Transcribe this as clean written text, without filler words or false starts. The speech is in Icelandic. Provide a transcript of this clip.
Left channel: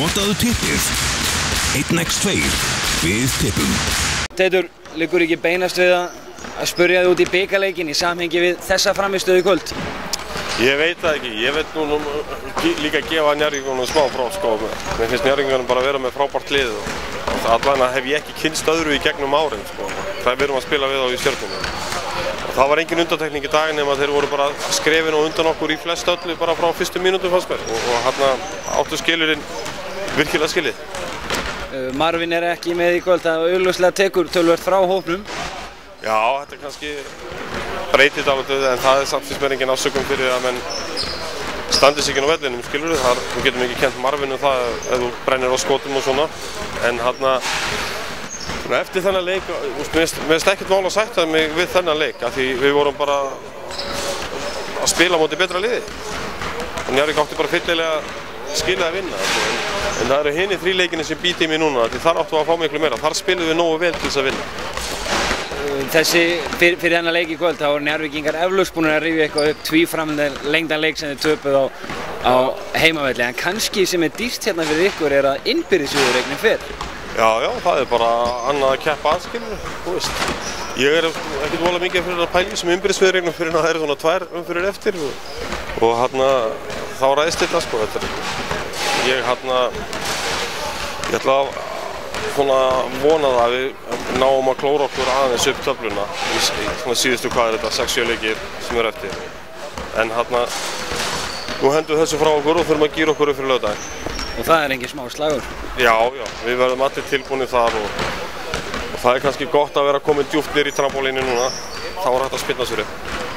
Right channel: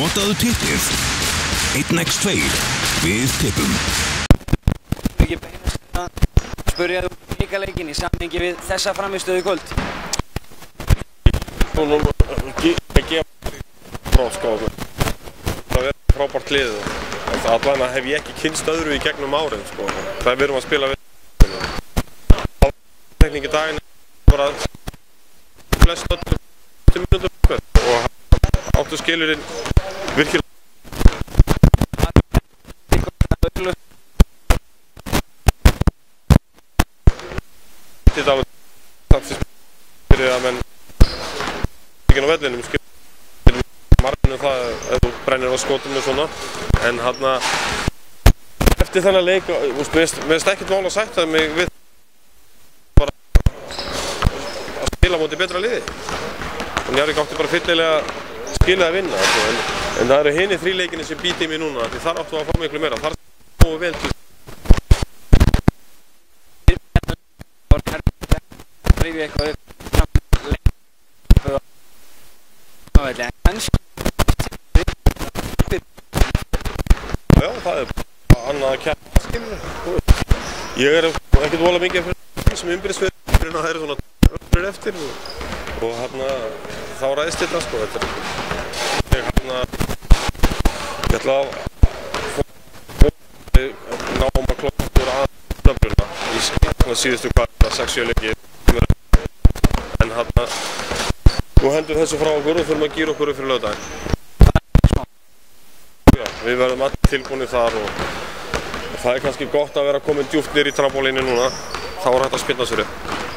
Notaðu tippið 1x2 við tippum. Teitur, liggur ekki beinast við að spyrja þig út í bikarleikinn í samhengi við þessa frammistöðu í kvöld? Ég veit það ekki. Ég veit nú líka að gefa Njarðvíkingunum smá próf, sko. Mér finnst Njarðvíkingunum bara að vera með frábært lið og allan hef ég ekki kynnst öðru í gegnum árin, sko. Það við erum að spila við á í Stjörnunni. Það var engin undantekning í dag nema þeir voru bara skrefin og undan okkur í flest öllu bara frá fyrstu mínútum fannst mér og hérna áttu skilurinn virkilega skilið. Marvin er ekki með í kvöld, það augljóslega tekur töluvert frá hópnum. Já, þetta er kannski breytið dálítið en það er samt fyrst mér engin afsökun fyrir að menn standi sig inn á vellinum, skilur við. Þú getum ekki kennt Marvin um það ef þú brennir á skotum og svona en hérna eftir þennan leik, mér finnst ekkert mál að sætta mig við þennan leik af því við vorum bara að spila á móti betra liði og Njarðvík átti bara fyllilega skilið að vinna en það eru hinir þrjú leikinni sem býti í mig núna því þar áttu að fá miklu meira, þar spilum við nógu vel til þess að vinna. Þessi, fyrir þennan leik í kvöld, þá voru Njarðvíkingar eflaust búin að rifja eitthvað upp tvíframlengdan leik sem þeir töpuð á heimavelli en kannski sem er dýrt hérna fyrir ykkur er að innbyrðisviðureignin fer. Já, það er bara annað að keppa aðskilur, þú veist. Ég er ekkert voðalega mikið fyrir að pæla í sem innbyrðisviðureignin fyrir að það eru svona 2 umferðir eftir og hérna þá ræðist þetta sko. Ég ætla að svona vona það að við náum að klóra okkur aðeins upp töfluna í svona síðustu hvað er þetta 6-7 leikir sem eru eftir. En hérna nú hendum þessu frá okkur og þurfum að gíra okkur upp fyrir laugardaginn. Og það er engin smá slagur? Já, við verðum allir tilbúinir þar og það er kannski gott að vera komin djúpt niður í trampólínu núna, þá er hægt að spinna sér upp.